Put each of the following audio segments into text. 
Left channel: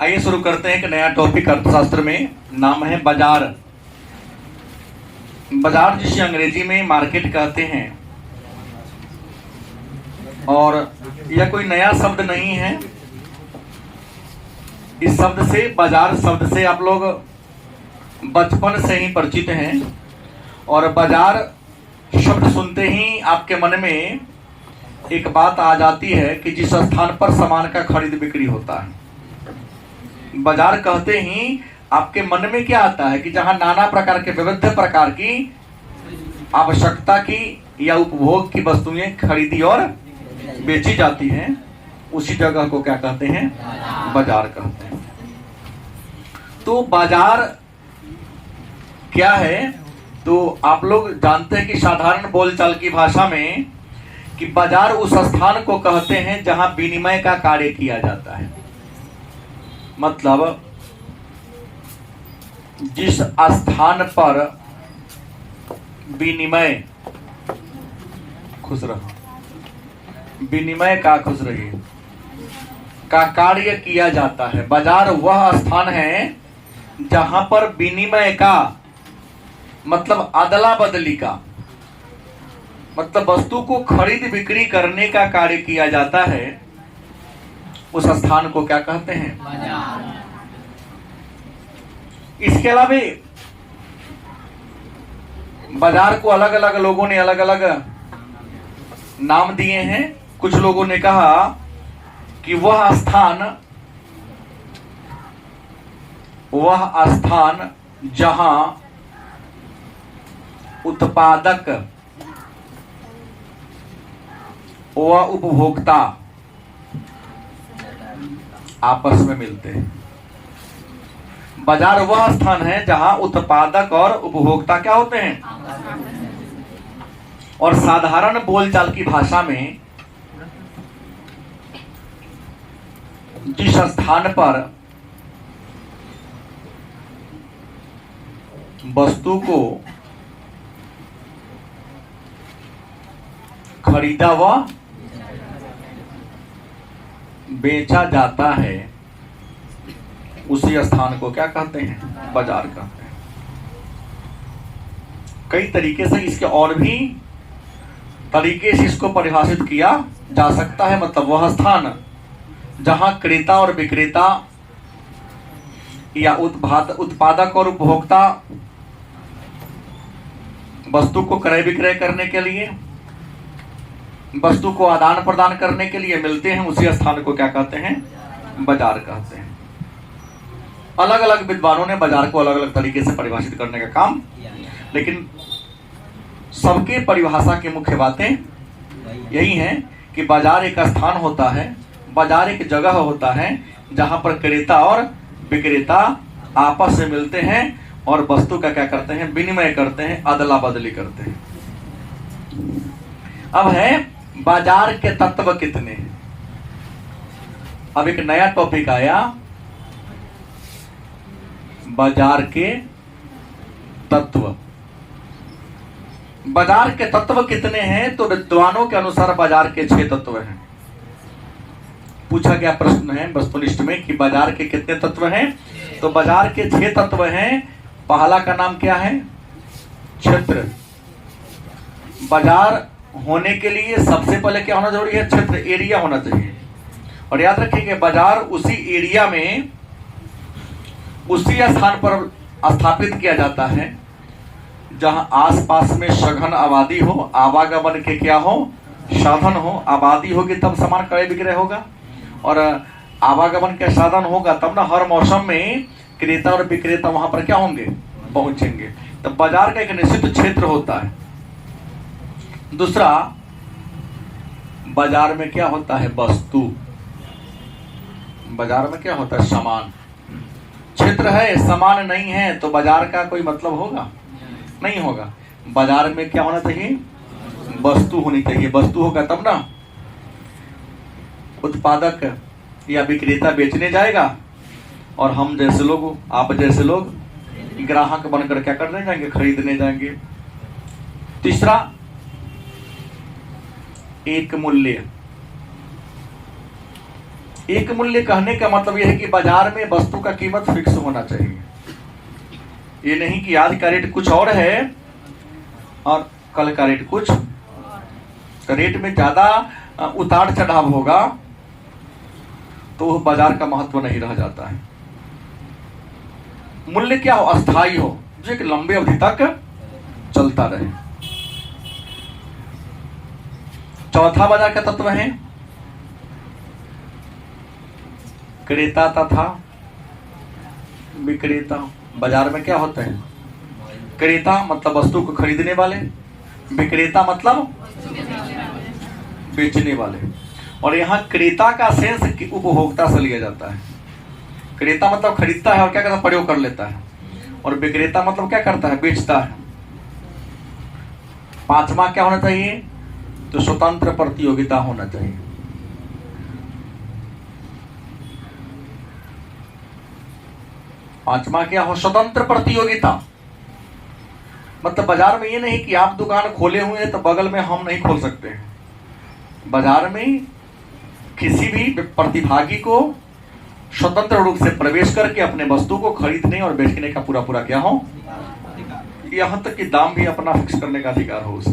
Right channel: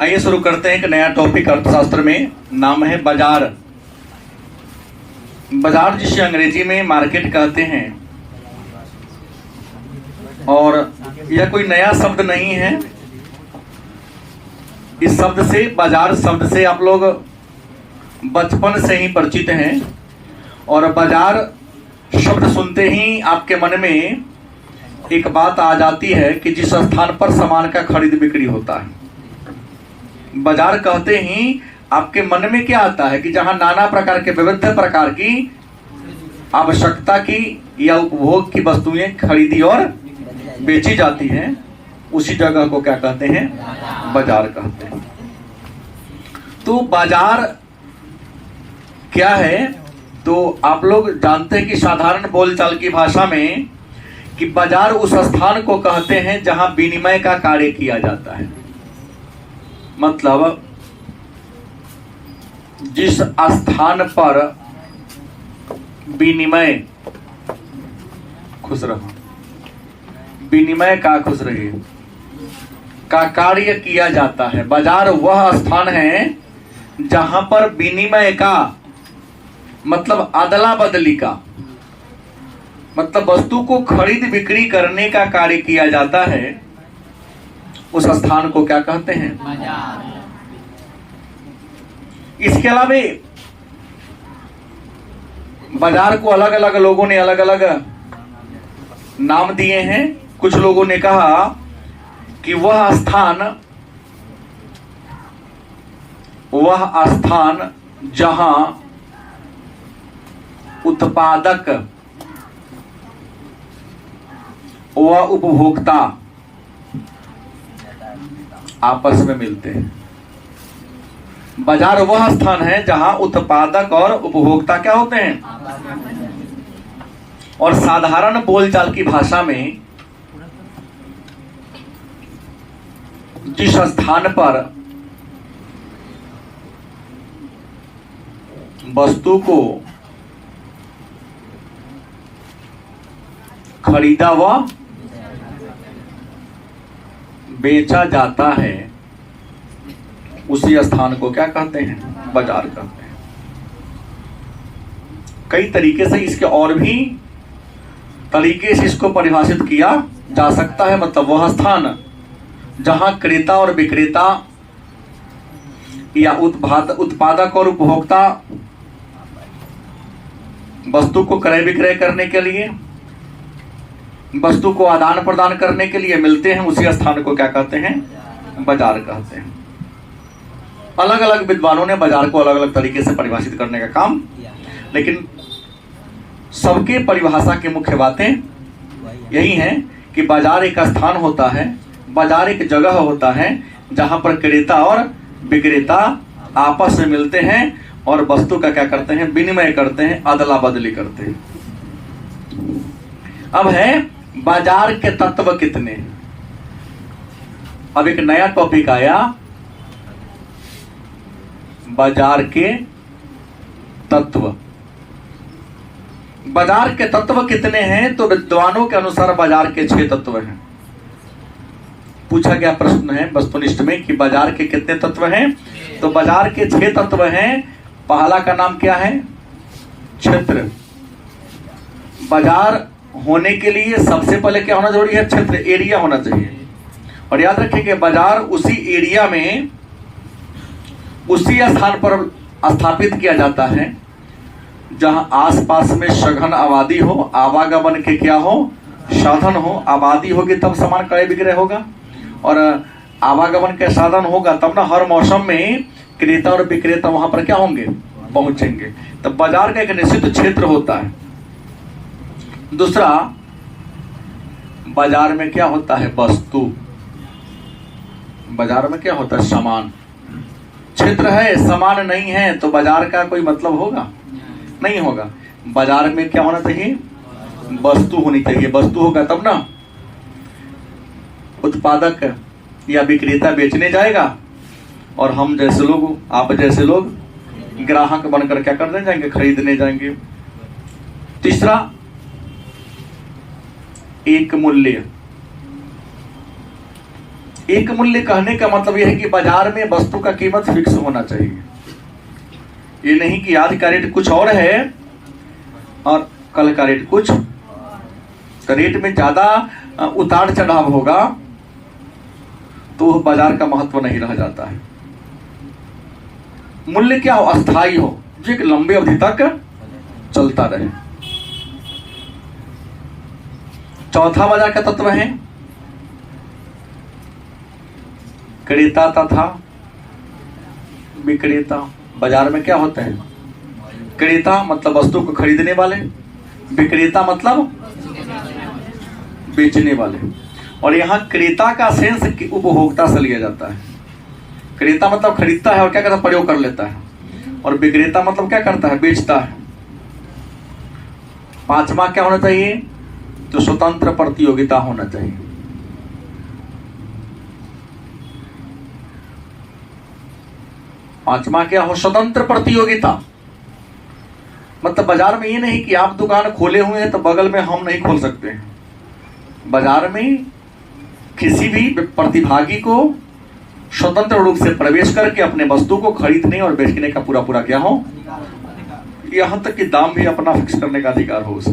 आइए शुरू करते हैं एक नया टॉपिक अर्थशास्त्र में। नाम है बाजार। बाजार जिसे अंग्रेजी में मार्केट कहते हैं, और यह कोई नया शब्द नहीं है। इस शब्द से, बाजार शब्द से आप लोग बचपन से ही परिचित हैं, और बाजार शब्द सुनते ही आपके मन में एक बात आ जाती है कि जिस स्थान पर सामान का खरीद बिक्री होता है। बाजार कहते ही आपके मन में क्या आता है कि जहां नाना प्रकार के, विविध प्रकार की आवश्यकता की या उपभोग की वस्तुएं खरीदी और बेची जाती हैं, उसी जगह को क्या कहते हैं? बाजार कहते हैं। तो बाजार क्या है? तो आप लोग जानते हैं कि साधारण बोलचाल की भाषा में कि बाजार उस स्थान को कहते हैं जहां विनिमय का कार्य किया जाता है। मतलब जिस स्थान पर विनिमय, खुश रहो, विनिमय का, खुश रहिए, का कार्य किया जाता है, बाजार वह स्थान है जहां पर विनिमय का मतलब अदला बदली का, मतलब वस्तु को खरीद बिक्री करने का कार्य किया जाता है। उस स्थान को क्या कहते हैं? बाजार। इसके अलावा बाजार को अलग अलग लोगों ने अलग अलग नाम दिए हैं। कुछ लोगों ने कहा कि वह स्थान जहां उत्पादक व उपभोक्ता आपस में मिलते हैं। बाजार वह स्थान है जहां उत्पादक और उपभोक्ता क्या होते हैं? और साधारण बोलचाल की भाषा में जिस स्थान पर वस्तु को खरीदा व बेचा जाता है, उसी स्थान को क्या कहते हैं? बाजार कहते हैं। कई तरीके से इसके और भी तरीके से इसको परिभाषित किया जा सकता है। मतलब वह स्थान जहां क्रेता और विक्रेता या उत्पादक और उपभोक्ता वस्तु को क्रय विक्रय करने के लिए, वस्तु को आदान प्रदान करने के लिए मिलते हैं, उसी स्थान को क्या कहते हैं? बाजार कहते हैं। अलग अलग विद्वानों ने बाजार को अलग अलग तरीके से परिभाषित करने का काम, लेकिन सबके परिभाषा की मुख्य बातें यही हैं कि बाजार एक स्थान होता है, बाजार एक जगह होता है जहां पर क्रेता और विक्रेता आपस में मिलते हैं और वस्तु का क्या करते हैं? विनिमय करते हैं, अदला बदली करते हैं। अब है बाजार के तत्व कितने। अब एक नया टॉपिक आया, बाजार के तत्व। बाजार के तत्व कितने हैं? तो विद्वानों के अनुसार बाजार के 6 तत्व हैं। पूछा गया प्रश्न है वस्तुनिष्ठ में कि बाजार के कितने तत्व हैं? तो बाजार के 6 तत्व हैं। पहला का नाम क्या है? क्षेत्र। बाजार होने के लिए सबसे पहले क्या होना जरूरी है? क्षेत्र, एरिया होना चाहिए। और याद रखिए कि बाजार उसी एरिया में, उसी स्थान पर स्थापित किया जाता है जहां आसपास में सघन आबादी हो, आवागमन के क्या हो? साधन हो। आबादी होगी तब सामान क्रय विक्रय होगा, और आवागमन के साधन होगा तब ना हर मौसम में क्रेता और विक्रेता वहां पर क्या होंगे? पहुंचेंगे। तब बाजार का एक निश्चित क्षेत्र होता है। दूसरा, बाजार में क्या होता है? वस्तु। बाजार में क्या होता है? सामान। क्षेत्र है, सामान नहीं है, तो बाजार का कोई मतलब होगा? नहीं होगा। बाजार में क्या होना चाहिए? वस्तु होनी चाहिए। वस्तु होगा तब ना उत्पादक या विक्रेता बेचने जाएगा, और हम जैसे लोग, आप जैसे लोग ग्राहक बनकर क्या करने जाएंगे? खरीदने जाएंगे। तीसरा, एक मूल्य। एक मूल्य कहने का मतलब यह है कि बाजार में वस्तु का कीमत फिक्स होना चाहिए। ये नहीं कि आज का रेट कुछ और है और कल का रेट कुछ, तो रेट में ज्यादा उतार चढ़ाव होगा तो बाजार का महत्व नहीं रह जाता है। मूल्य क्या हो? अस्थाई हो, जो एक लंबे अवधि तक चलता रहे। चौथा बाजार का तत्व है क्रेता तथा विक्रेता। बाजार में क्या होते हैं? क्रेता मतलब वस्तु को खरीदने वाले, विक्रेता मतलब बेचने वाले। और यहाँ क्रेता का सेंस उपभोक्ता से लिया जाता है। क्रेता मतलब खरीदता है और क्या करता है? प्रयोग कर लेता है। और विक्रेता मतलब क्या करता है? बेचता है। पांचवा क्या होना चाहिए? तो स्वतंत्र प्रतियोगिता होना चाहिए। पांचवा क्या हो? स्वतंत्र प्रतियोगिता। मतलब बाजार में ये नहीं कि आप दुकान खोले हुए हैं तो बगल में हम नहीं खोल सकते हैं। बाजार में किसी भी प्रतिभागी को स्वतंत्र रूप से प्रवेश करके अपने वस्तु को खरीदने और बेचने का पूरा पूरा क्या हो, यहां तक कि दाम भी अपना फिक्स करने का अधिकार हो उसे।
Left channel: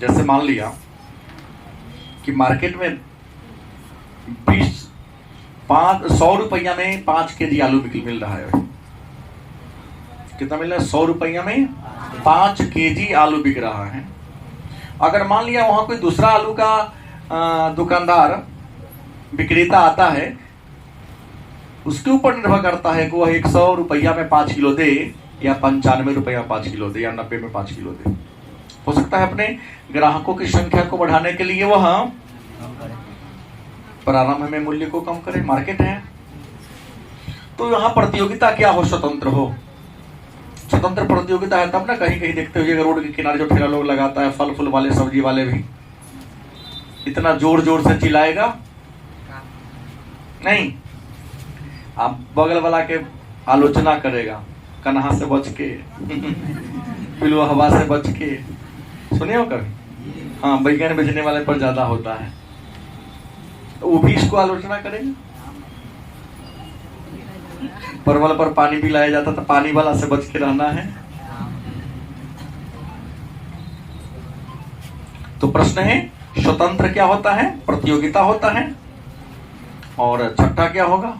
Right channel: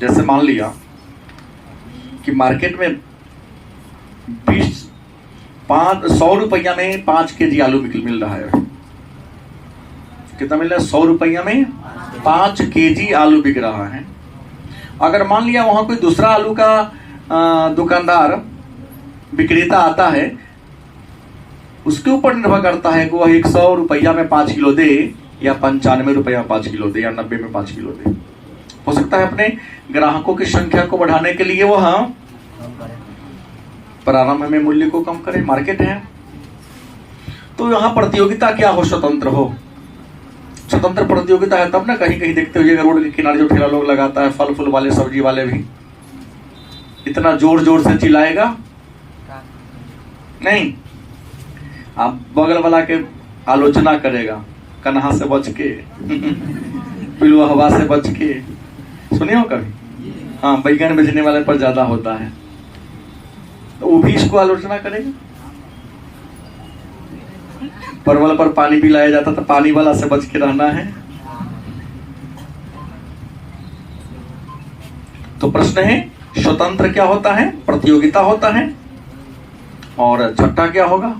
जैसे मान लिया कि मार्केट में 100 रुपया में 5 केजी आलू मिल रहा है। कितना मिल रहा है? 100 रुपया में 5 केजी आलू बिक रहा है। अगर मान लिया वहां कोई दूसरा आलू का दुकानदार विक्रेता आता है, उसके ऊपर निर्भर करता है कि वह 100 रुपया में 5 किलो दे या 95 रुपया में 5 किलो दे या 90 में 5 किलो दे। हो सकता है अपने ग्राहकों की संख्या को बढ़ाने के लिए वह प्रारंभ में मूल्य को कम करे। मार्केट है तो यहाँ प्रतियोगिता क्या हो? स्वतंत्र हो। स्वतंत्र प्रतियोगिता है तब ना कहीं कहीं देखते हुए रोड के किनारे जो ठेला लोग लगाता है, फल फूल वाले, सब्जी वाले भी इतना जोर जोर से चिल्लाएगा नहीं, आप बगल वाला के आलोचना करेगा, कन्हा से बच के पिलुआ हवा से बच के। सुने हो कभी? हाँ, बैगन बेचने वाले पर ज्यादा होता है तो वो भी इसको आलोचना करेगा। परवल पर पानी भी लाया जाता तो पानी वाला से बच के रहना है। तो प्रश्न है स्वतंत्र क्या होता है? प्रतियोगिता होता है। और छठा क्या होगा?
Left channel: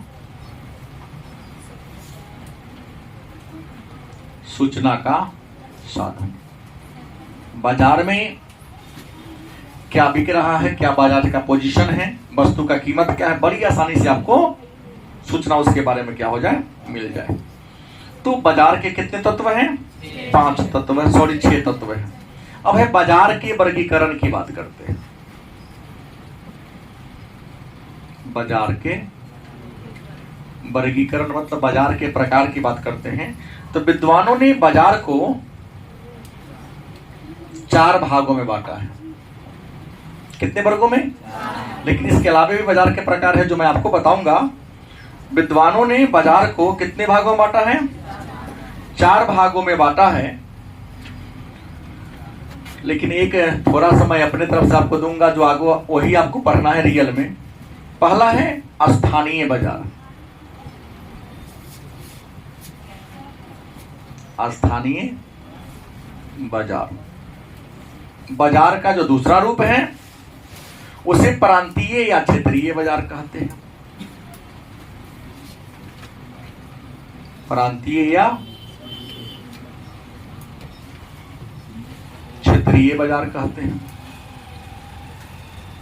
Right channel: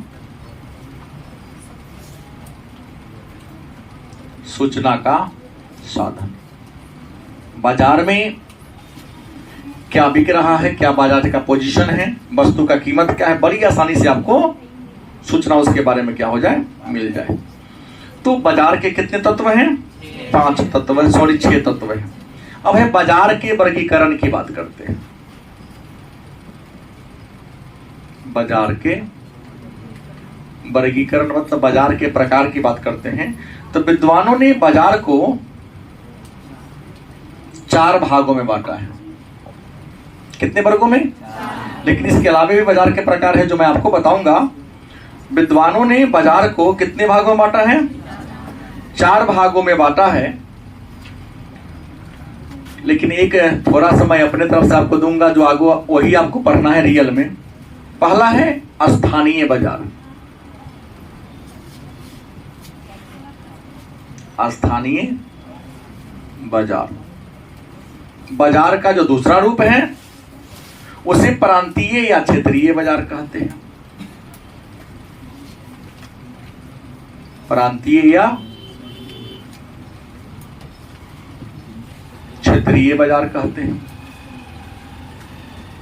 सूचना का साधन। बाजार में क्या बिक रहा है, क्या बाजार का पोजीशन है, वस्तु का कीमत क्या है, बड़ी आसानी से आपको सूचना उसके बारे में क्या हो जाए, मिल जाए। तो बाजार के कितने तत्व हैं? 5 तत्व है, 6 तत्व है। अब है बाजार के वर्गीकरण की बात करते हैं। बाजार के वर्गीकरण मतलब बाजार के प्रकार की बात करते हैं। तो विद्वानों ने बाजार को 4 भागों में बांटा है। कितने वर्गों में? लेकिन इसके अलावा भी बाजार के प्रकार है जो मैं आपको बताऊंगा। विद्वानों ने बाजार को कितने भागों में बांटा है? 4 भागों में बांटा है। लेकिन एक थोड़ा सा मैं अपने तरफ से आपको दूंगा जो आगे वही आपको पढ़ना है रियल में। पहला है स्थानीय बाजार। स्थानीय बाजार, बाजार का जो दूसरा रूप है उसे प्रांतीय या क्षेत्रीय बाजार कहते हैं। प्रांतीय या क्षेत्रीय बाजार कहते हैं।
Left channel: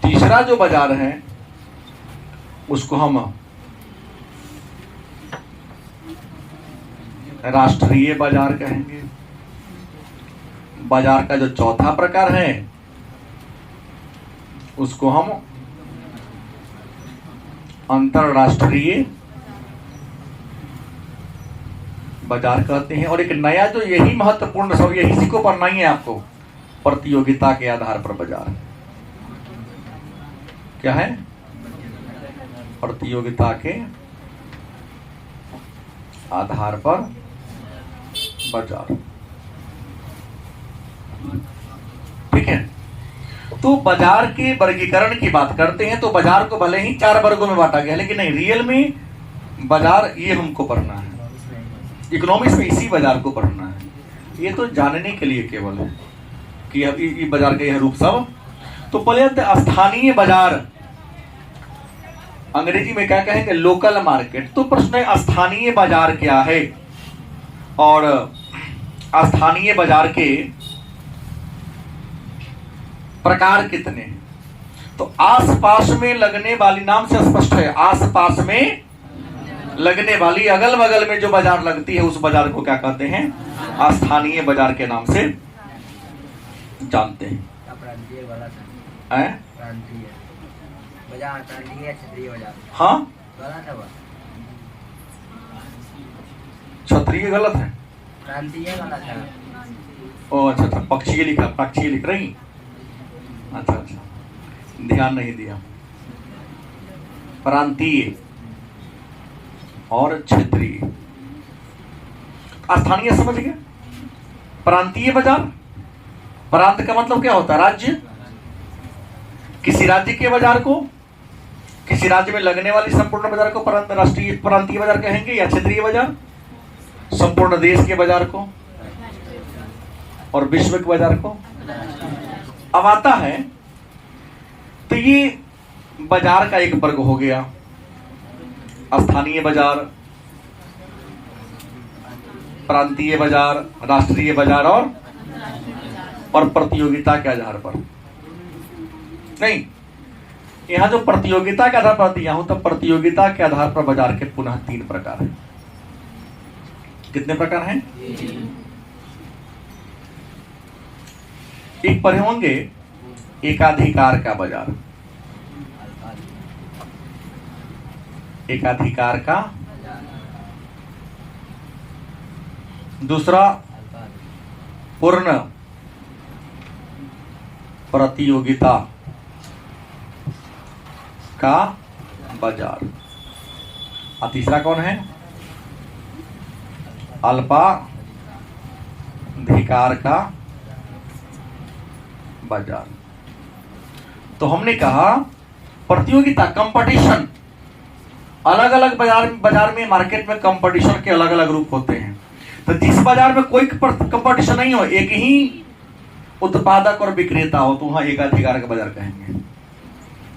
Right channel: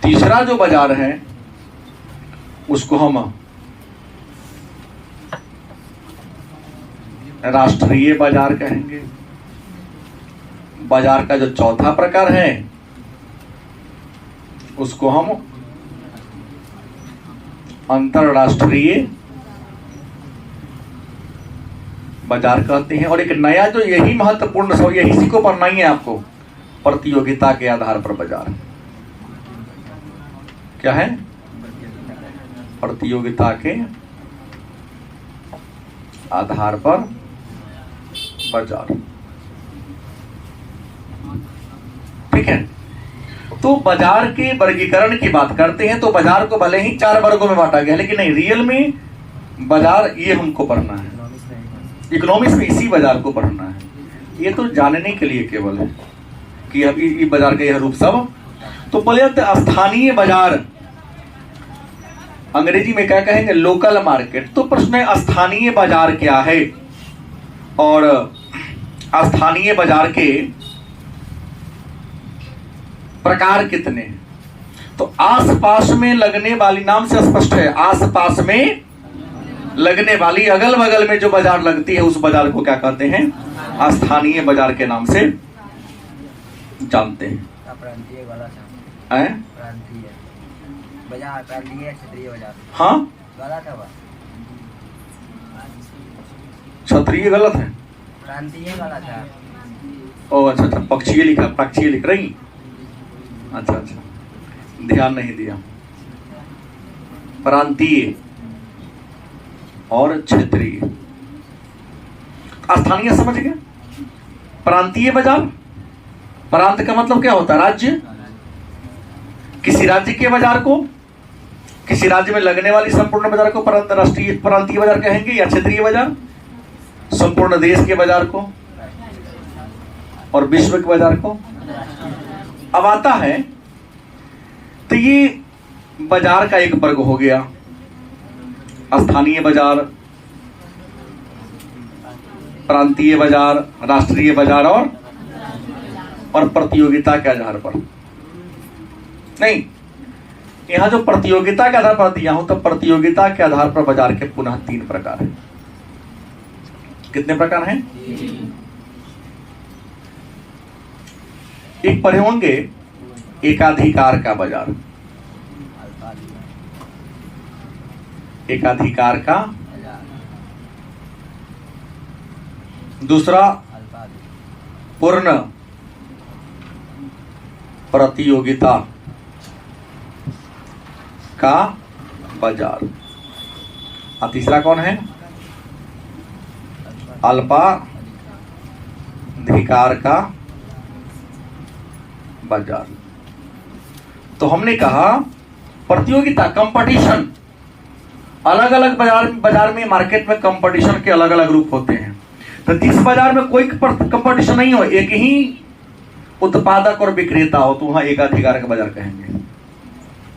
तीसरा जो बाजार है उसको हम राष्ट्रीय बाजार कहेंगे। बाजार का जो चौथा प्रकार है उसको हम अंतरराष्ट्रीय बाजार कहते हैं। और एक नया जो यही महत्वपूर्ण सब यही इसी को पढ़ना ही है आपको, प्रतियोगिता के आधार पर बाजार। क्या है? प्रतियोगिता के आधार पर बाजार। ठीक है। तो बाजार के वर्गीकरण की बात करते हैं तो बाजार को भले ही 4 वर्गों में बांटा गया, लेकिन नहीं, रियल में बाजार ये हमको पढ़ना है, इकोनॉमिक्स में इसी बाजार को पढ़ना है। ये तो जानने के लिए केवल है कि अभी ये बाजार का यह रूप सब। तो बोले स्थानीय बाजार, अंग्रेजी में क्या कहेंगे, लोकल मार्केट। तो प्रश्न है स्थानीय बाजार क्या है और स्थानीय बाजार के प्रकार कितने हैं। तो आसपास में लगने वाली, नाम से स्पष्ट है, आसपास में लगने वाली, अगल बगल में जो बाजार लगती है उस बाजार को क्या कहते हैं, स्थानीय बाजार के नाम से जानते हैं। बाजार प्रांतीय क्षेत्रीय बाजार। हाँ, गलत है, क्षत्रिय गलत है, प्रांतीय गलत है। ओ अच्छा अच्छा, पक्षीय लिखा, पक्षीय लिख रही। अच्छा अच्छा, ध्यान नहीं दिया। प्रांतीय और क्षेत्रीय, स्थानीय समझ गए। प्रांतीय बाजार, प्रांत का मतलब क्या होता है, राज्य। किसी राज्य के बाजार को, किसी राज्य में लगने वाली संपूर्ण बाजार को राष्ट्रीय प्रांतीय बाजार कहेंगे, या क्षेत्रीय बाजार संपूर्ण देश के बाजार को और विश्व के बाजार को। अब आता है तो ये बाजार का एक वर्ग हो गया, स्थानीय बाजार, प्रांतीय बाजार, राष्ट्रीय बाजार और प्रतियोगिता के आधार पर। नहीं, यहां जो प्रतियोगिता के आधार पर दिया हूं, तो प्रतियोगिता के आधार पर बाजार के पुनः 3 प्रकार हैं। कितने प्रकार हैं? एक पढ़े होंगे एकाधिकार का बाजार, एकाधिकार का। दूसरा पूर्ण प्रतियोगिता का बाजार। और तीसरा कौन है? अल्पाधिकार का बाजार। तो हमने कहा प्रतियोगिता, कंपटीशन, अलग अलग बाजार में, मार्केट में कंपटीशन के अलग अलग रूप होते हैं। तो जिस बाजार में कोई कंपटीशन नहीं हो, एक ही उत्पादक और विक्रेता हो, तो वहां एकाधिकार का बाजार कहेंगे।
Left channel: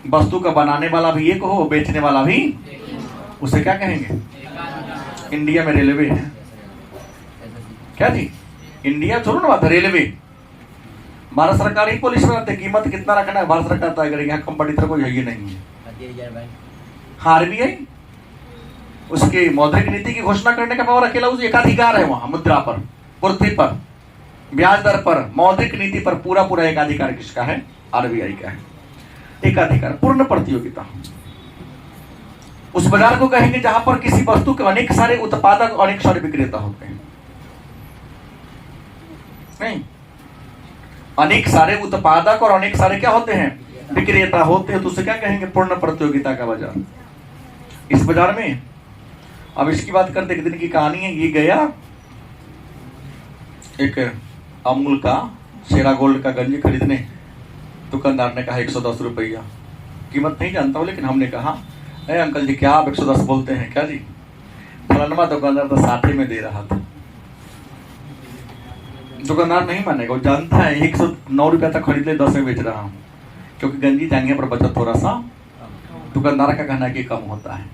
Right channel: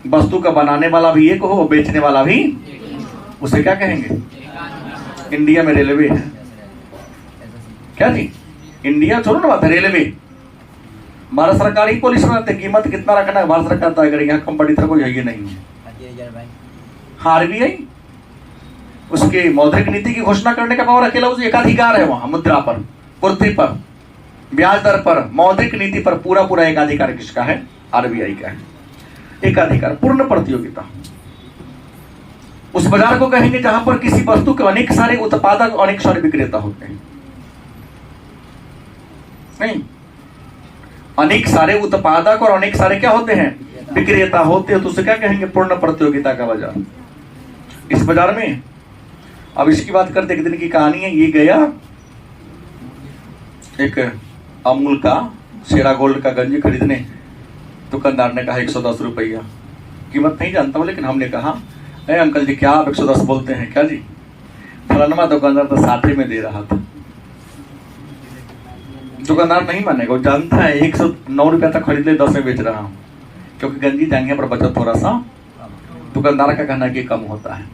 वस्तु का बनाने वाला भी एक हो, बेचने वाला भी, उसे क्या कहेंगे? इंडिया में रेलवे है क्या जी? इंडिया छोड़ो ना बात, रेलवे भारत सरकार ही पॉलिसी बनाते, कीमत कितना रखना है भारत सरकार तय करेगी, यहाँ कंपटीटर कोई है ही नहीं है। आरबीआई उसके मौद्रिक नीति की घोषणा करने का पावर अकेला उस एकाधिकार है, वहां मुद्रा पर, पूर्ति पर, ब्याज दर पर, मौद्रिक नीति पर पूरा एकाधिकार किसका है? आरबीआई का है। एकाधिकार, पूर्ण प्रतियोगिता उस बाजार को कहेंगे जहां पर किसी वस्तु के अनेक सारे उत्पादक, अनेक सारे विक्रेता होते हैं। नहीं, अनेक सारे उत्पादक और अनेक सारे क्या होते हैं? विक्रेता होते हैं, तो उसे क्या कहेंगे? पूर्ण प्रतियोगिता का बाजार। इस बाजार में अब इसकी बात करते, एक दिन की कहानी है। ये गया एक अमूल का शेरा गोल्ड का गंज खरीदने, दुकानदार ने कहा 110 रुपया। कीमत नहीं जानता हूं, लेकिन हमने कहा अरे अंकल जी क्या आप 110 बोलते हैं क्या जी? फलाना दुकानदार तो 60 में दे रहा था। दुकानदार नहीं मानेगा, वो जानता है 109 रुपया तक खरीद ले, 10 में बेच रहा हूं, क्योंकि गंजी जाएंगे पर बचत थोड़ा सा दुकानदार का कहना कि कम होता है।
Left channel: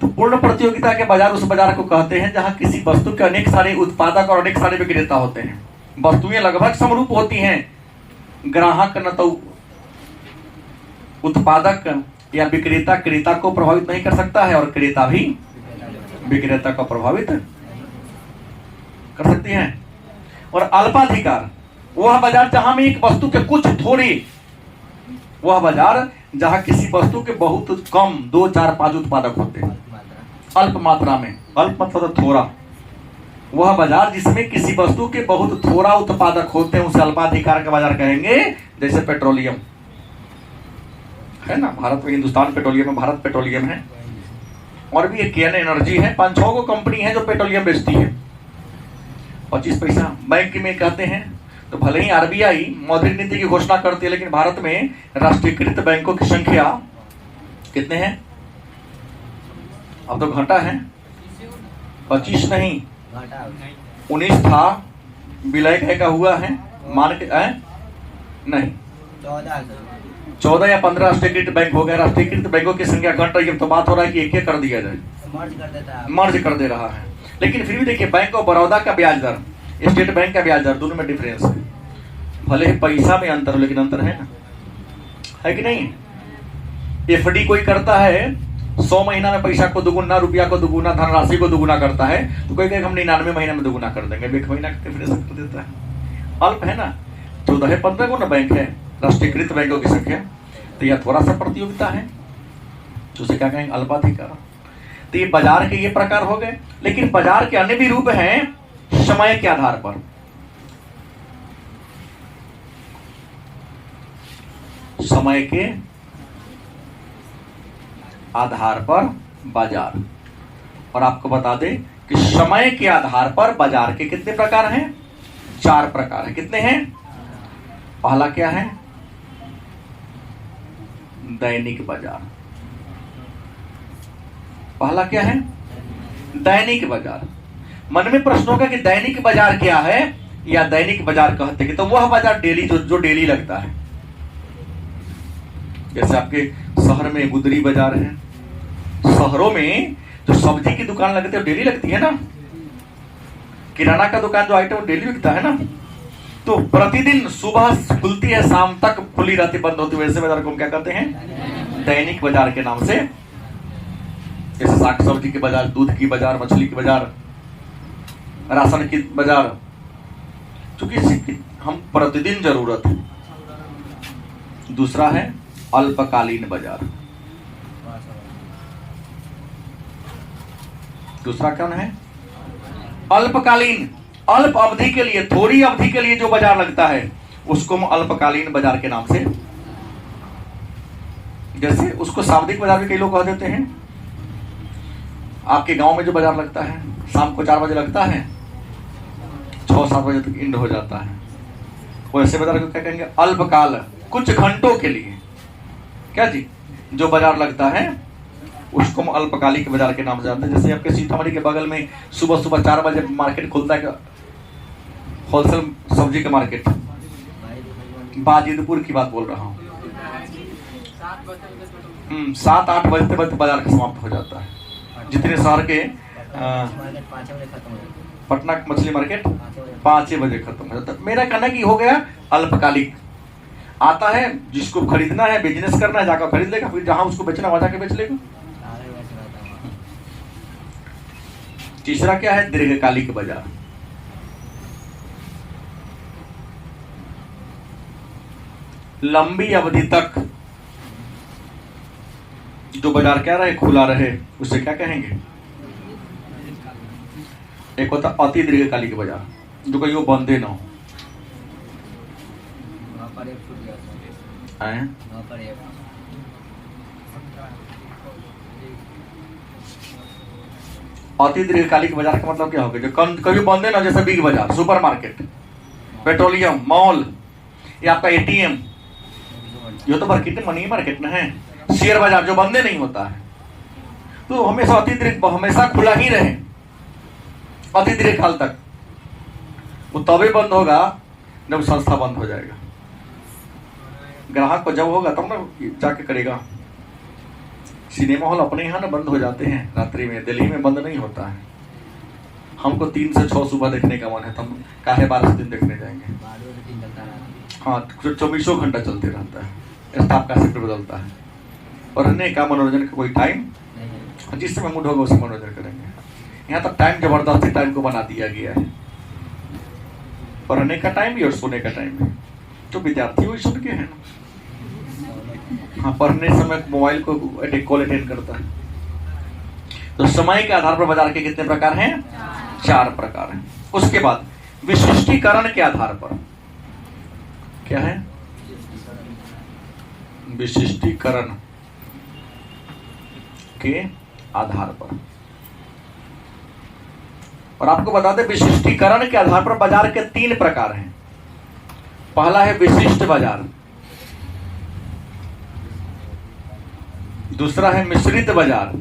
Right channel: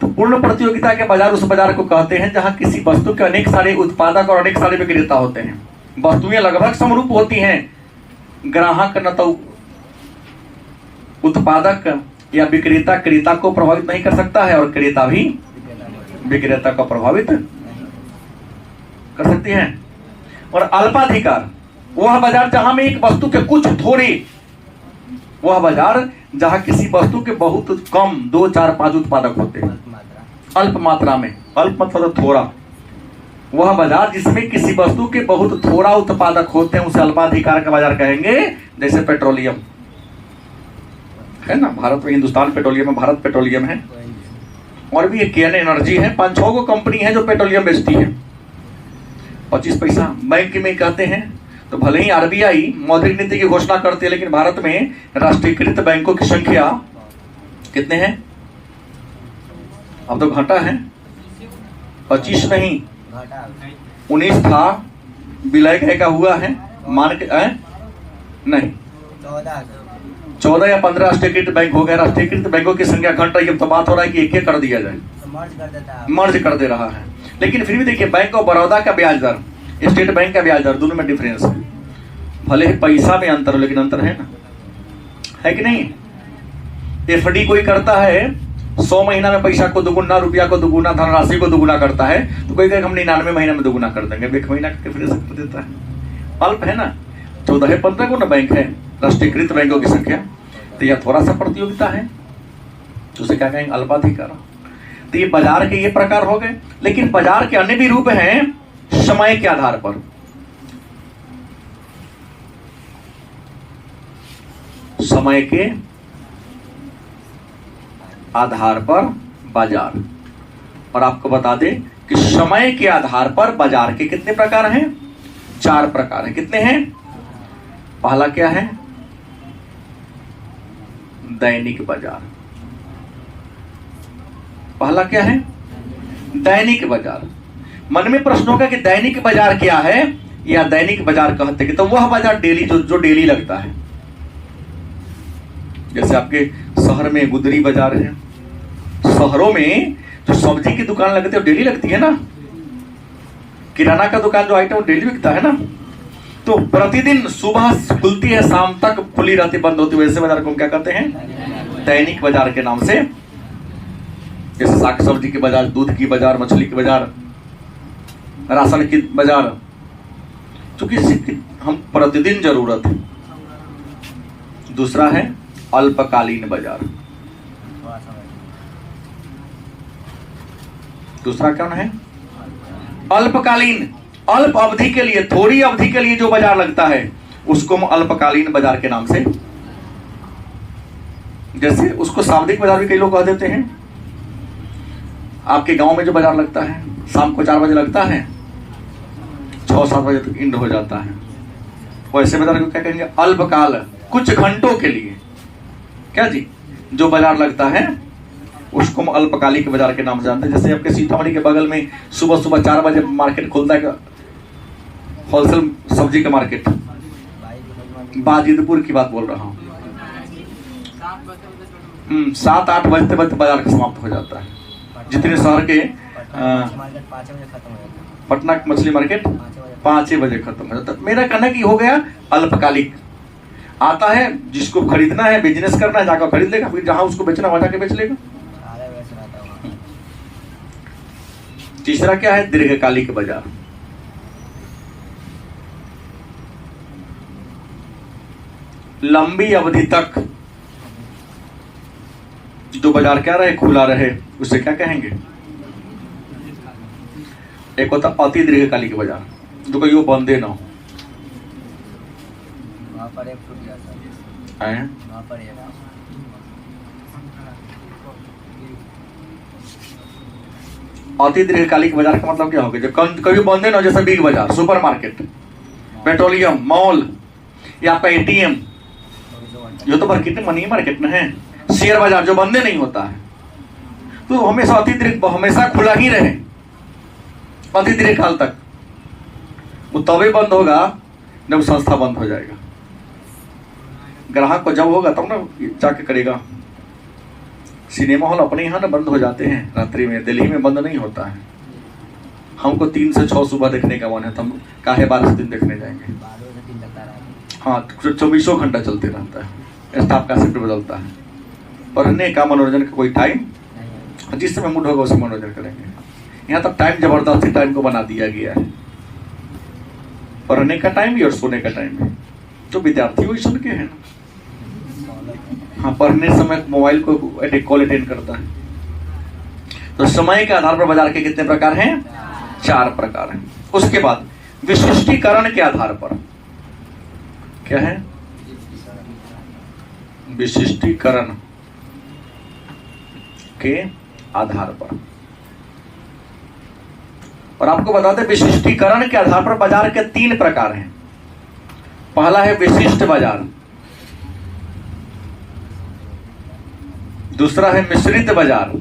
तो पूर्ण प्रतियोगिता के बाजार उस बाजार को कहते हैं जहां किसी वस्तु के अनेक सारे उत्पादक और अनेक सारे विक्रेता होते हैं। वस्तुएं लगभग समरूप होती हैं, ग्राहक न तो उत्पादक या विक्रेता क्रेता को प्रभावित नहीं कर सकता है, और क्रेता भी विक्रेता को प्रभावित कर सकती है। और अल्पाधिकार, वह बाजार जहां में एक वस्तु के कुछ थोड़े, वह बाजार जहां किसी वस्तु के बहुत कम 2, 4, 5 उत्पादक होते हैं, अल्प मात्रा में, अल्प मतलब थोड़ा, वह बाजार जिसमें किसी वस्तु के बहुत थोड़ा उत्पादक होते हैं उसे अल्पाधिकार का बाजार कहेंगे। जैसे पेट्रोलियम है ना, भारत में हिंदुस्तान पेट्रोलियम है, भारत पेट्रोलियम है, और भी एक केन एनर्जी है, 5-6 को कंपनी है जो पेट्रोलियम बेचती है। 25 पैसा बैंक में कहते हैं तो भले ही आरबीआई मौद्रिक नीति की घोषणा करती है, लेकिन भारत में राष्ट्रीयकृत बैंकों की संख्या कितने हैं? अब तो घटा है, 25 नहीं, घाटा 19 था, विलय का हुआ है, मान के नहीं 14 या 15 राष्ट्रीयकृत बैंक हो गए। राष्ट्रीयकृत बैंकों की संख्या घट रही है, तो बात हो रहा है कि एक कर दिया जाए, मर्ज कर देता है, मर्ज कर दे रहा है। लेकिन फिर भी देखिए, बैंक ऑफ बड़ौदा का ब्याज दर, स्टेट बैंक का ब्याज दर, दोनों में डिफरेंस है। भले ही पैसा में अंतर हो, लेकिन अंतर है ना, है कि नहीं? एफडी कोई करता है 100 महीना में पैसा को दुगुना, रुपया को दुगुना, धनराशि को दुगुना करता है, तो कोई कहे हम 99 महीना में दुगुना कर देंगे, 1 महीना का डिफरेंस कर देता है। अल्प है ना, 14-15 को ना बैंक है राष्ट्रीयकृत बैंकों की संख्या, तो यह थोड़ा सा प्रतियोगिता है, तो उसे क्या कहेंगे? अल्पाधिकार। तो ये बाजार के ये प्रकार हो गए। लेकिन बाजार के अन्य भी रूप हैं समय के आधार पर। समय के आधार पर बाजार। और आपको बता दें कि समय के आधार पर बाजार के कितने प्रकार हैं? 4 प्रकार हैं। कितने हैं? पहला क्या है? दैनिक बाजार। पहला क्या है? दैनिक बाजार। मन में प्रश्न होगा कि दैनिक बाजार क्या है, या दैनिक बाजार कहते हैं तो वह बाजार डेली जो डेली लगता है। जैसे आपके शहर में गुदरी बाजार है, शहरों में जो सब्जी की दुकान लगती है डेली लगती है ना, किराना का दुकान जो आइटम डेली बिकता है ना, तो प्रतिदिन सुबह खुलती है, शाम तक खुली रहती, बंद होती है, वैसे बाजार को क्या कहते हैं? दैनिक बाजार के नाम से। जैसे साग सब्जी की बाजार, दूध की बाजार, मछली की बाजार, राशन की बाजार, क्योंकि हम प्रतिदिन जरूरत है। दूसरा है अल्पकालीन बाजार। दूसरा कौन है? अल्पकालीन, अल्प अवधि के लिए, थोड़ी अवधि के लिए जो बाजार लगता है उसको हम अल्पकालीन बाजार के नाम से, जैसे उसको साप्ताहिक बाजार भी कई लोग कह देते हैं। आपके गांव में जो बाजार लगता है शाम को 4 बजे लगता है, 6-7 बजे तक इंड हो जाता है, वैसे बाजार को क्या कहेंगे? अल्पकाल, कुछ घंटों के लिए। क्या जी? जो बाजार लगता है उसको हम अल्पकालिक बाजार के नाम से जानते हैं। जैसे आपके सीतामढ़ी के बगल में सुबह सुबह 4 बजे मार्केट खुलता है, होलसेल सब्जी का मार्केट, बाजिदपुर की बात बोल रहा हूँ। 7-8 बजते बजते बाजार का समाप्त हो जाता है। जितने शहर के पटना मछली मार्केट 5 बजे खत्म हो जाता है। मेरा कहना कि हो गया अल्पकालिक। आता है, जिसको खरीदना है, बिजनेस करना है, जाकर खरीद लेगा, फिर जहां उसको बेचना वहां जाके बेच लेगा। तीसरा क्या है? दीर्घकालिक बाजार। लंबी अवधि तक जो बाजार क्या रहे, खुला रहे, उसे क्या कहेंगे? एक होता अति दीर्घकालिक बाजार, जो कहीं वो बंदे ना हो। अति दीर्घकालिक बाजार का मतलब क्या होगा? जो कभी बंदे ना, जैसे बिग बाजार, सुपर मार्केट, पेट्रोलियम, मॉल, या आपका एटीएम, जो तो मार्केट मनी मार्केट में है, शेयर बाजार जो बंदे नहीं होता है, तो हमेशा हमेशा खुला ही रहे अति दीर्घकाल तक। वो तभी बंद होगा जब संस्था बंद हो जाएगा। ग्राहक को जब होगा तब ना जाके करेगा। सिनेमा हॉल अपने यहाँ ना बंद हो जाते हैं रात्रि में, दिल्ली में बंद नहीं होता है। हमको 3 से 6 सुबह देखने का मन है, तो हम काहे 12 दिन देखने जाएंगे। हाँ, 24 घंटा चलते रहता है, स्टाफ का शिफ्ट बदलता है। पढ़ने का, मनोरंजन का कोई टाइम, जिस समय मूड होगा उसे मनोरंजन करेंगे। यहाँ तक टाइम जबरदस्ती टाइम को बना दिया गया है, पढ़ने का टाइम भी और सोने का टाइम भी। जो विद्यार्थी वही सुन के है ना, हाँ, पढ़ने समय मोबाइल को कॉल अटेंड करता है। तो समय के आधार पर बाजार के कितने प्रकार हैं? 4 प्रकार हैं। उसके बाद विशिष्टीकरण के आधार पर क्या है? विशिष्टीकरण के आधार पर। और आपको बता दें, विशिष्टीकरण के आधार पर बाजार के 3 प्रकार हैं। पहला है विशिष्ट बाजार, दूसरा है मिश्रित बाजार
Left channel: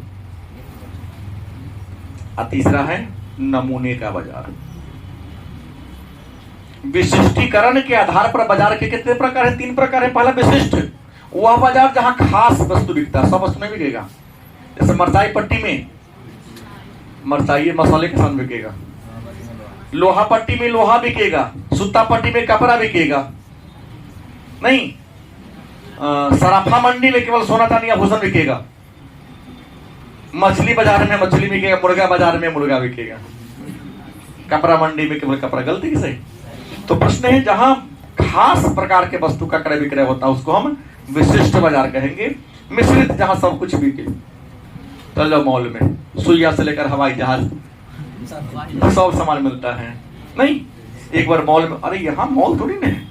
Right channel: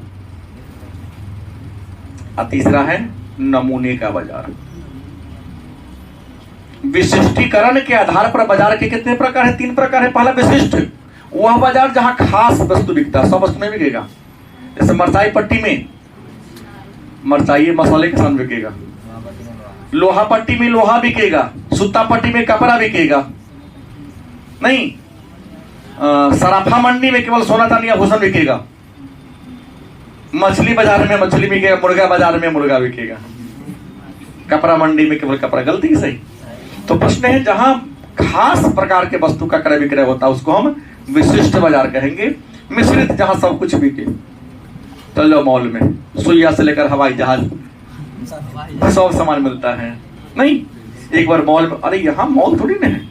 और तीसरा है नमूने का बाजार। विशिष्टीकरण के आधार पर बाजार के कितने प्रकार है? 3 प्रकार है। पहला विशिष्ट, वह बाजार जहां खास वस्तु बिकता है, सब वस्तु में बिकेगा। जैसे मरचाई पट्टी में मरचाई मसाले के साथ बिकेगा, लोहा पट्टी में लोहा बिकेगा, सूता पट्टी में कपड़ा बिकेगा, नहीं सराफा मंडी में केवल सोना चांदी आभूषण बिकेगा, मछली बाजार में मछली बिकेगा, मुर्गा बाजार में मुर्गा बिकेगा, कपड़ा मंडी में केवल कपड़ा। गलती की सही? तो प्रश्न है जहां खास प्रकार के वस्तु का क्रय विक्रय होता है उसको हम विशिष्ट बाजार कहेंगे। मिश्रित, जहां सब कुछ बिके। चलो मॉल में सुइया से लेकर हवाई जहाज सब सामान मिलता है। नहीं, एक बार मॉल में, अरे यहाँ मॉल थोड़ी ना है,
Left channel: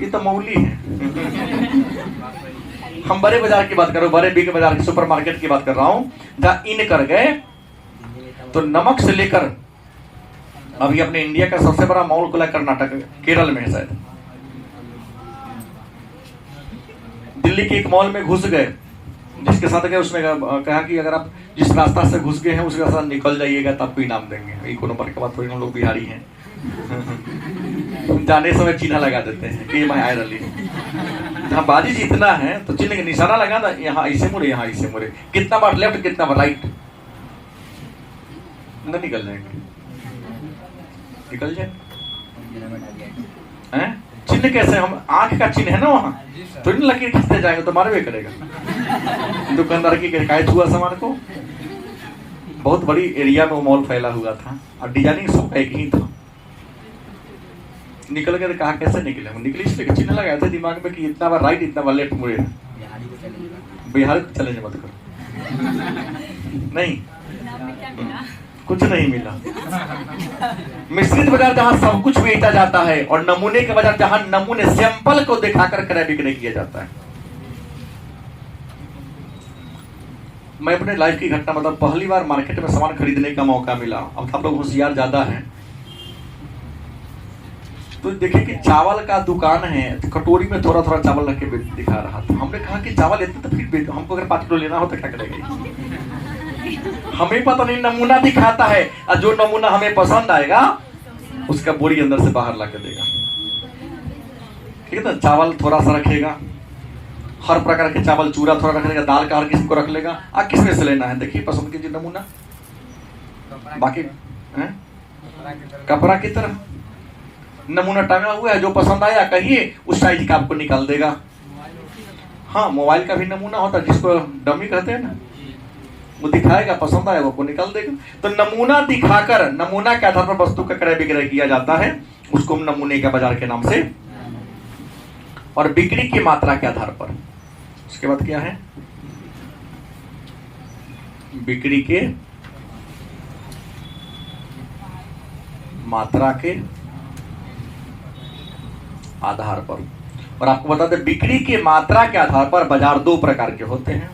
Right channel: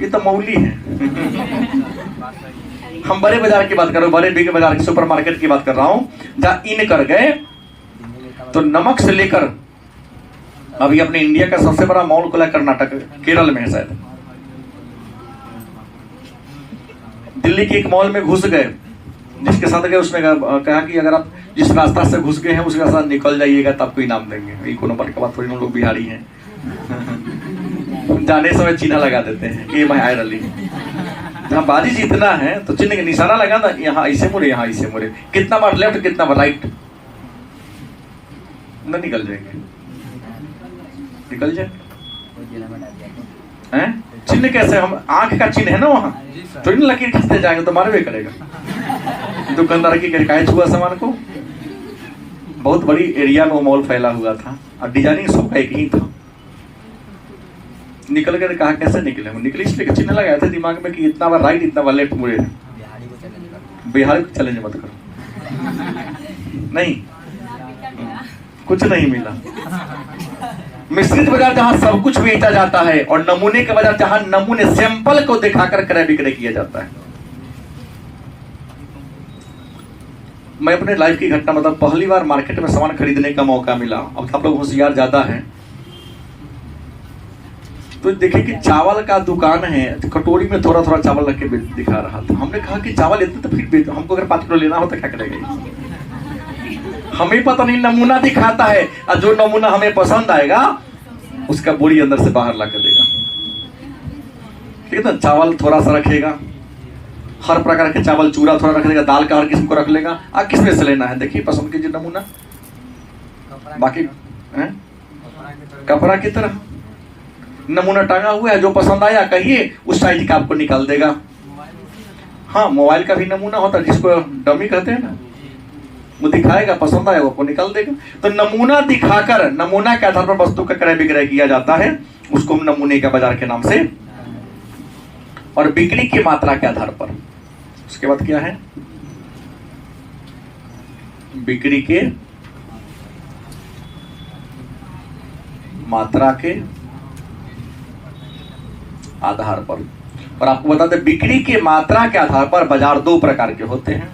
ये तो मौली है। हम बड़े बाजार की बात कर रहे हैं, बड़े बिग बाजार की, सुपरमार्केट की बात कर रहा हूं, जहां इन कर गए तो नमक से लेकर अभी अपने इंडिया का सबसे बड़ा मॉल खुला कर्नाटक केरल में है शायद। दिल्ली के एक मॉल में घुस गए, जिसके साथ गए उसने कहा कि अगर आप जिस रास्ता से घुस गए हैं उसके साथ निकल जाइएगा तब आपको इनाम देंगे। ये कोनो बात के बाद थोड़ी लोग बिहारी हैं। जाने समय चिन्ह लगा देते हैं, ये मैं आयर अली। जहाँ बाजी जीतना है तो चिन्ह का निशाना लगा ना, यहाँ ऐसे मुड़े, यहाँ ऐसे मुड़े, कितना बार लेफ्ट कितना बार राइट, ना निकल जाएंगे, निकल जाए हैं। चिन्ह कैसे? हम आंख का चिन्ह है ना, वहां थोड़ी ना लकीर खींचते जाएंगे तो मारवे करेगा। दुकानदार की कैच हुआ सामान को। बहुत बड़ी एरिया में वो मॉल फैला हुआ था और डिजाइनिंग सबका एक ही था। निकल कर कहा कैसे निकले? हम निकले इसलिए चिन्ह लगाए थे दिमाग में कि इतना बार राइट इतना बार लेफ्ट मुड़े। बिहार को चैलेंज मत करो। नहीं, कुछ नहीं मिला। मिश्रित बाजार जहां सब कुछ बेचा जाता है और नमूने का बाजार जहां नमूने सैंपल को दिखाकर क्रय विक्रय किया जाता है। मैं अपने लाइफ की घटना मतलब पहली बार मार्केट में सामान खरीदने का मौका मिला। अब आप लोग होशियार ज्यादा हैं तो देखे कि चावल का दुकान है, तो कटोरी में थोड़ा थोड़ा चावल रख के दिखा रहा था। हमने कहा कि चावल इतना तो फिर हमको अगर 5 किलो लेना हो तो क्या करेगा? हमें पता नहीं, नमूना दिखाता है और जो नमूना हमें पसंद आएगा उसका बोरी अंदर से बाहर ला कर देगा। ठीक है ना? चावल थोड़ा सा रखेगा, हर प्रकार के चावल, चूरा थोड़ा रख लेगा, दाल का हर किस्म को रख लेगा। आप किस में से लेना है देखिए, पसंद कीजिए नमूना। बाकी कपड़ा की तरह नमूना टंगा हुआ है, जो पसंद आया कहिए उस साइज का आपको निकाल देगा। हाँ, मोबाइल का भी नमूना होता है जिसको डमी कहते हैं ना, वो दिखाएगा, पसंद आएगा वो निकाल देगा। तो नमूना दिखाकर, नमूना के आधार पर वस्तु का क्रय विक्रय किया जाता है, उसको हम नमूने का बाजार के नाम से। और बिक्री की मात्रा के आधार पर, उसके बाद क्या है? बिक्री के मात्रा के आधार पर। और आपको बता दें, बिक्री की मात्रा के आधार पर बाजार 2 प्रकार के होते हैं।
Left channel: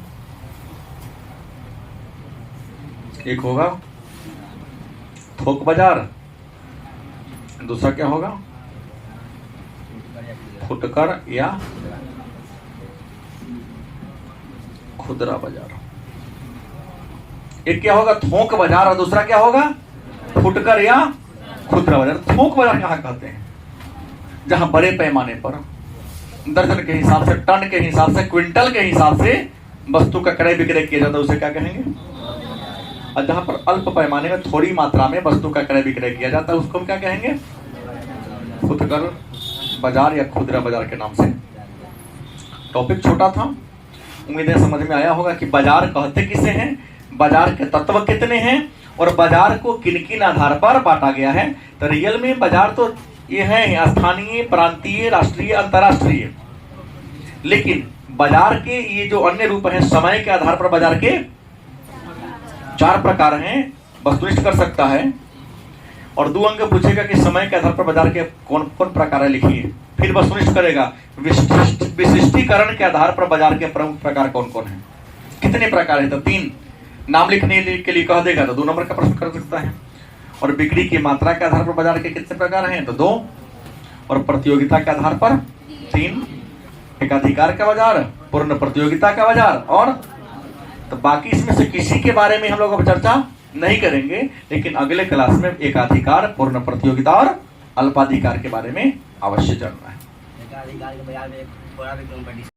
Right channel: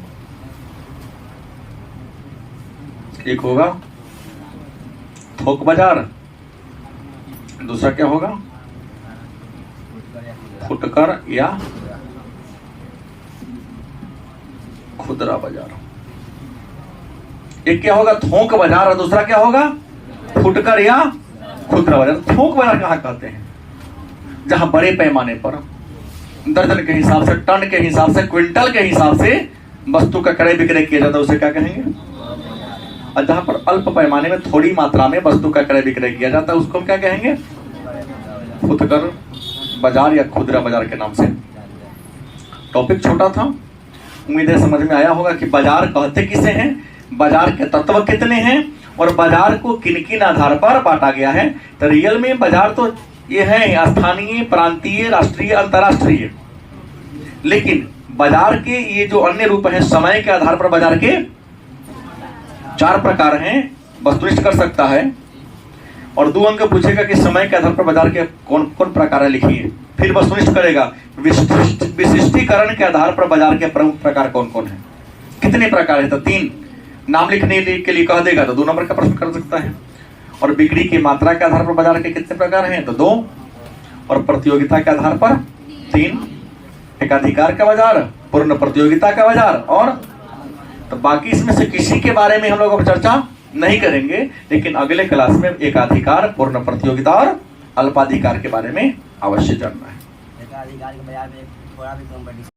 एक होगा थोक बाजार, दूसरा क्या होगा? फुटकर या खुदरा बाजार। एक क्या होगा? थोक बाजार, और दूसरा क्या होगा? फुटकर या खुदरा बाजार। थोक बाजार कहाँ कहते हैं? जहां बड़े पैमाने पर दर्जन के हिसाब से, टन के हिसाब से, क्विंटल के हिसाब से वस्तु का क्रय विक्रय किया जाता है, उसे क्या कहेंगे? और जहां पर अल्प पैमाने में थोड़ी मात्रा में वस्तु का क्रय विक्रय किया जाता है उसको हम क्या कहेंगे? फुटकर बाजार या खुदरा बाजार के नाम से। टॉपिक छोटा था, उम्मीद है समझ में आया होगा कि बाजार कहते किसे हैं, बाजार के तत्व कितने हैं और बाजार को किन किन आधार पर बांटा गया है। तो रियल में बाजार तो ये है स्थानीय, प्रांतीय, राष्ट्रीय, अंतरराष्ट्रीय। लेकिन बाजार के ये जो अन्य रूप हैं, समय के आधार पर बाजार के 4 प्रकार हैं। वस्तुनिष्ठ कर सकता है और 2 अंक पूछेगा कि समय के आधार पर बाजार के कौन कौन प्रकार है लिखिए। फिर वस्तुनिष्ठ करेगा, विशिष्टीकरण के आधार पर बाजार के प्रमुख प्रकार कौन कौन है, कितने प्रकार है। तो 3 नाम लिखने के लिए कह देगा तो 2 नंबर का प्रश्न कर सकता है। और बिक्री की मात्रा के आधार पर बाजार के कितने प्रकार हैं? तो 2। और प्रतियोगिता के आधार पर 3, एकाधिकार का बाजार, पूर्ण प्रतियोगिता का बाजार, और तो बाकी इसमें से किसी के बारे में हम लोग अब चर्चा नहीं करेंगे, लेकिन अगले क्लास में एकाधिकार, पूर्ण प्रतियोगिता और अल्पाधिकार के बारे में अवश्य जानना है। एकाधिकार के बाजार में थोड़ा भी कंपटीशन